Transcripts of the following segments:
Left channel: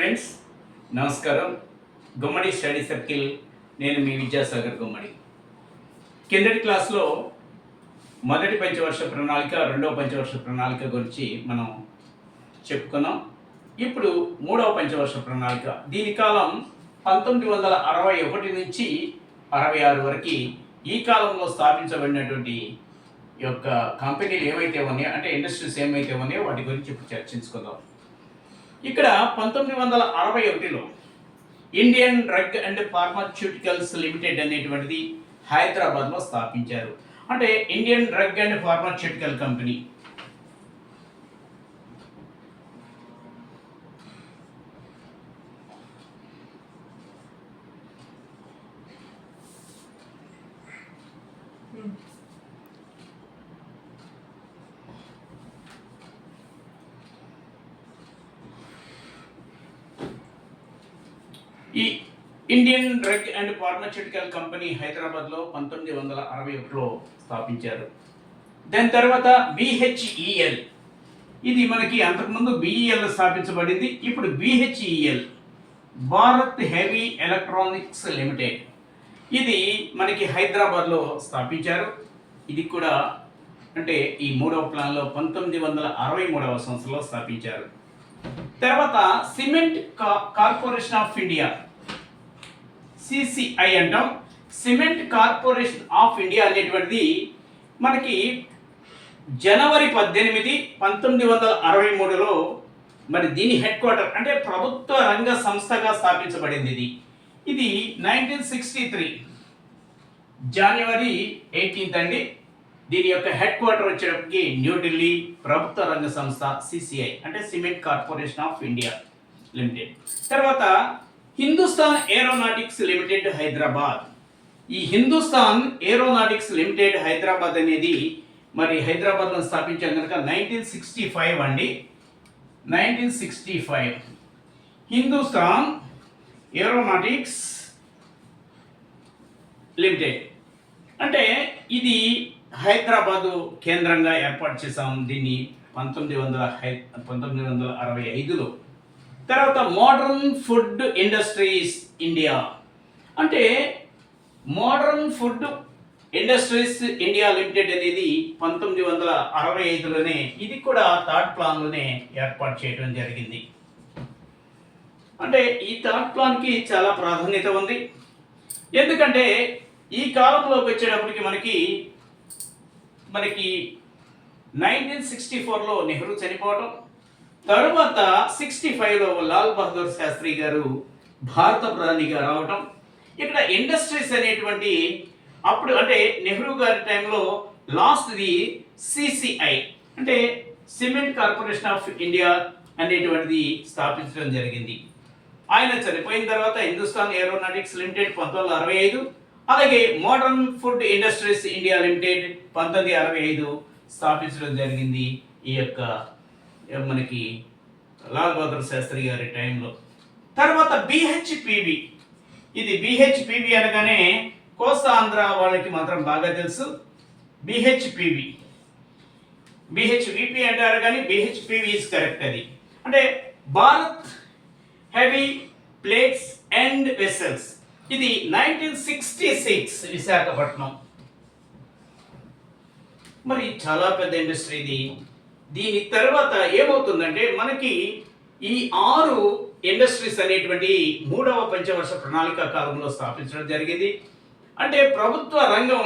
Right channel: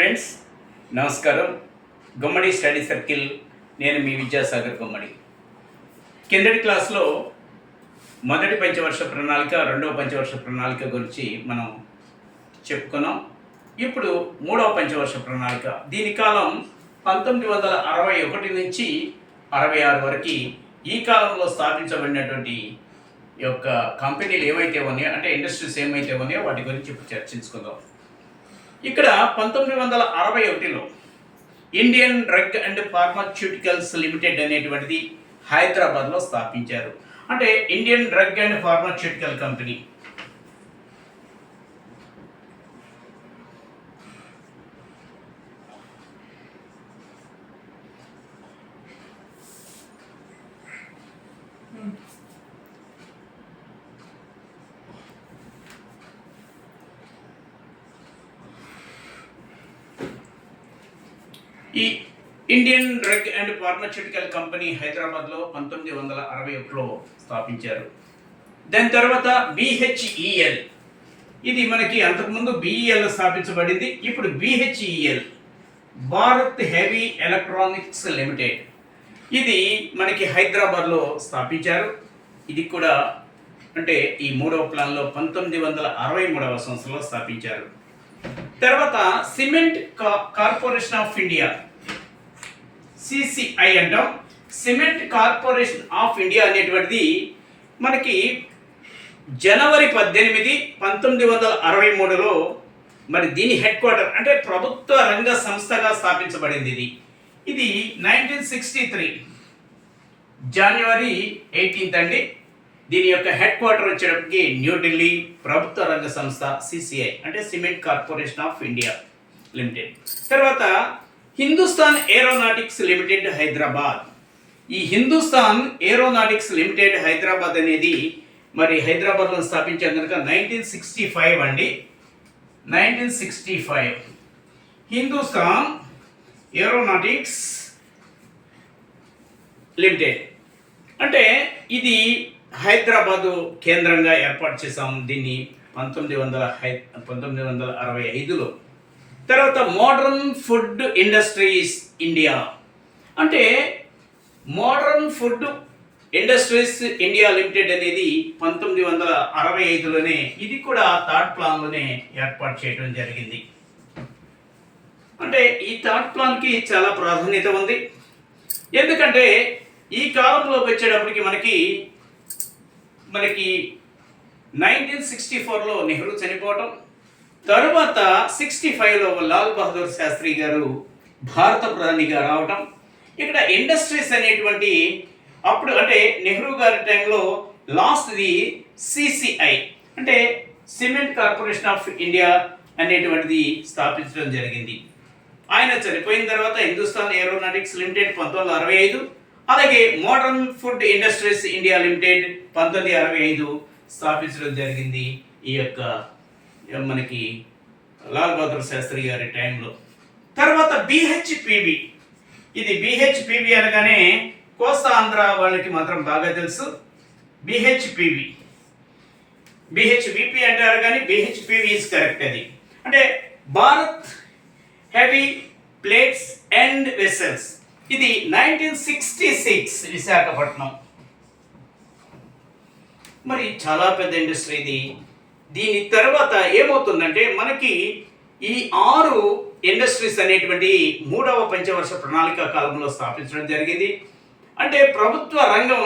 Friends నమస్కారం. గుమ్మడి study circle, నేను మీ విద్యాసాగర్ గుమ్మడి. కిందటి క్లాస్లో మొదటి పంచవర్ష ప్రణాళిక, రెండవ పంచవర్ష ప్రణాళిక గురించి మనం చెప్పుకున్నాం. ఇప్పుడు మూడవ పంచవర్ష ప్రణాళిక, దీని కాలం 1961 నుంచి 66 వరకు. ఈ కాలంలో స్థాపించబడినటువంటి యొక్క కంపెనీలు ఏవైతే ఉన్నాయో, అంటే ఇండస్ట్రీస్ ఏమైతే ఉన్నాయో వాటి గురించి ఇప్పుడు చర్చించుకుందాం. ఇక్కడ 1961లో Indian drug and pharmaceuticals limited అనేటువంటిది హైదరాబాద్లో స్థాపించారు. అంటే Indian drug and pharmaceutical company. ఈ Indian drug and pharmaceutical company హైదరాబాద్లో 1961లో స్థాపించారు. దాని తర్వాత బిహెచ్ఈఎల్, ఇది మనకి అంతకుముందు బిఈఎల్ స్థాపించబడింది. ఇప్పుడు BHEL, Bharat heavy electronics limited, ఇది మనకి హైదరాబాద్లో స్థాపించారు. ఇది కూడా అంటే ఈ మూడవ ప్లాన్లో 1963వ సంవత్సరంలో స్థాపించారు. తర్వాత cement corporation of India, CCI అంటాం. సిమెంట్ కార్పొరేషన్ ఆఫ్ ఇండియా అనేటువంటిది మనకి జనవరి 18, 1963లో మరి దీని హెడ్ క్వార్టర్, అంటే ప్రభుత్వ రంగ సంస్థగా స్థాపించబడింది. ఇది 1963 జనవరి 18 అండి. దీని యొక్క హెడ్ క్వార్టర్ వచ్చేటప్పటికి న్యూఢిల్లీ. ప్రభుత్వ రంగ సంస్థ సిసిఐ అంటే cement corporation of India limited. తర్వాత హిందుస్థాన్ ఏరోనాటిక్స్ లిమిటెడ్ హైదరాబాద్. ఈ హిందుస్థాన్ ఏరోనాటిక్స్ లిమిటెడ్ హైదరాబాద్ అనేది మరి హైదరాబాద్లో స్థాపించారు కనుక 1965 అండి. 1965 హిందుస్థాన్ ఏరోనాటిక్స్ లిమిటెడ్, అంటే ఇది హైదరాబాదు కేంద్రంగా ఏర్పాటు చేశాం దీన్ని 1965లో. తర్వాత మోడర్న్ ఫుడ్ ఇండస్ట్రీస్ ఇండియా, అంటే modern food industries India limited అనేది 1965లోనే, ఇది కూడా థర్డ్ ప్లాన్లోనే ఏర్పాటు చేయడం జరిగింది. అంటే ఈ థర్డ్ ప్లాన్కి చాలా ప్రాధాన్యత ఉంది. ఎందుకంటే ఈ కాలంలోకి వచ్చేటప్పటికి మనకి 1964లో నెహ్రూ చనిపోవటం, తరువాత 65లో లాల్ బహదూర్ శాస్త్రి గారు భారత ప్రధానిగా రావటం. ఇక్కడ ఇండస్ట్రీస్ అనేటువంటి అప్పుడు అంటే నెహ్రూ గారి టైంలో లాస్ట్ది సిసిఐ అంటే సిమెంట్ కార్పొరేషన్ ఆఫ్ ఇండియా అనేటువంటిది స్థాపించడం జరిగింది. ఆయన చనిపోయిన తర్వాత హిందుస్థాన్ ఏరోనాటిక్స్ లిమిటెడ్ 1965, అలాగే modern food industries India limited 1965 స్థాపించడం జరిగింది ఈ యొక్క మనకి లాల్ బహదూర్ శాస్త్రి గారి టైంలో. తర్వాత బిహెచ్పివి, ఇది బిహెచ్పివి అనగానే కోస్తా ఆంధ్ర వాళ్ళకి మాత్రం బాగా తెలుసు. బిహెచ్విపి అంటారు కానీ బిహెచ్పివి ఈజ్ కరెక్ట్. అది అంటే Bharat heavy plates and vessels, ఇది 1966 విశాఖపట్నం. మరి చాలా పెద్ద ఇండస్ట్రీ ఇది. దీని తర్వాత ఏమవుతుందంటే మనకి ఈ 6 ఇండస్ట్రీస్ అనేటువంటి మూడవ పంచవర్ష ప్రణాళిక కాలంలో స్థాపించడం జరిగింది. అంటే ప్రభుత్వ రంగం,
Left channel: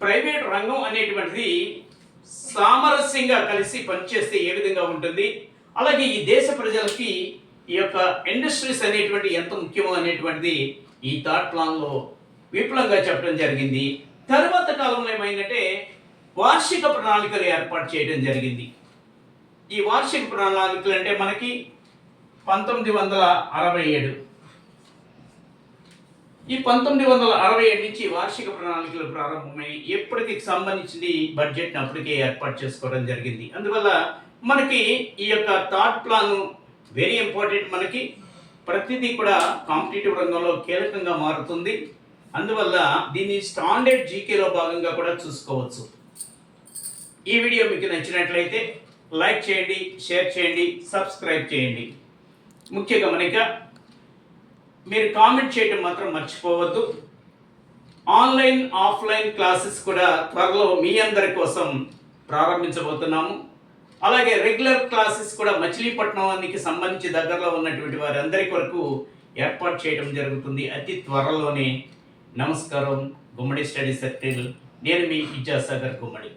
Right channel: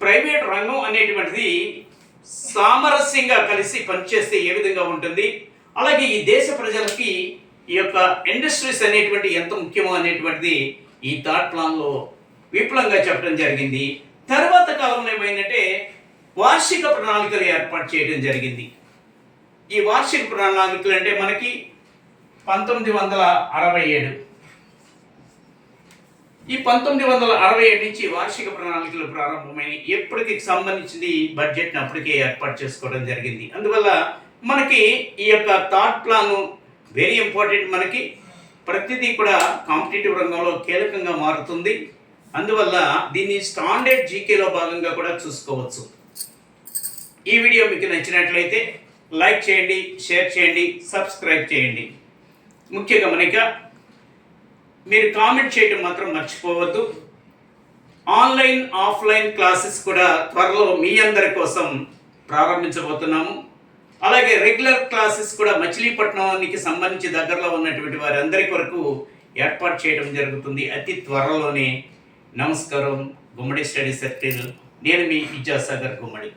ప్రైవేట్ రంగం అనేటువంటిది సామరస్యంగా కలిసి పనిచేస్తే ఏ విధంగా ఉంటుంది, అలాగే ఈ దేశ ప్రజలకి ఈ యొక్క ఇండస్ట్రీస్ అనేటువంటి ఎంత ముఖ్యమో అనేటువంటిది ఈ థర్డ్ ప్లాన్లో విపులంగా చెప్పడం జరిగింది. తర్వాత కాలంలో ఏమైందంటే వార్షిక ప్రణాళికలు ఏర్పాటు చేయడం జరిగింది. ఈ వార్షిక ప్రణాళికలు అంటే మనకి 1967, ఈ 1967 నుంచి వార్షిక ప్రణాళికలు ప్రారంభమై ఎప్పటికి సంబంధించింది బడ్జెట్ని అప్పటికే ఏర్పాటు చేసుకోవడం జరిగింది. అందువల్ల మనకి ఈ యొక్క థర్డ్ ప్లాన్ వెరీ ఇంపార్టెంట్. మనకి ప్రతిదీ కూడా కాంపిటేటివ్ రంగంలో కీలకంగా మారుతుంది. అందువల్ల దీన్ని స్టాండర్డ్ జీకేలో భాగంగా కూడా చూసుకోవచ్చు. ఈ వీడియో మీకు నచ్చినట్లయితే లైక్ చేయండి, షేర్ చేయండి, సబ్స్క్రైబ్ చేయండి. ముఖ్య గమనిక, మీరు కామెంట్ చేయడం మాత్రం మర్చిపోవద్దు. ఆన్లైన్ ఆఫ్లైన్ క్లాసెస్ కూడా త్వరలో మీ అందరి కోసం ప్రారంభించబోతున్నాము. అలాగే రెగ్యులర్ క్లాసెస్ కూడా మచిలీపట్నానికి సంబంధించి దగ్గరలో ఉన్నటువంటి వారందరి కొరకు ఏర్పాటు చేయడం జరుగుతుంది అతి త్వరలోనే. నమస్కారం. గుమ్మడి స్టడీ సర్కిల్, నేను మీ విద్యాసాగర్ గుమ్మడి.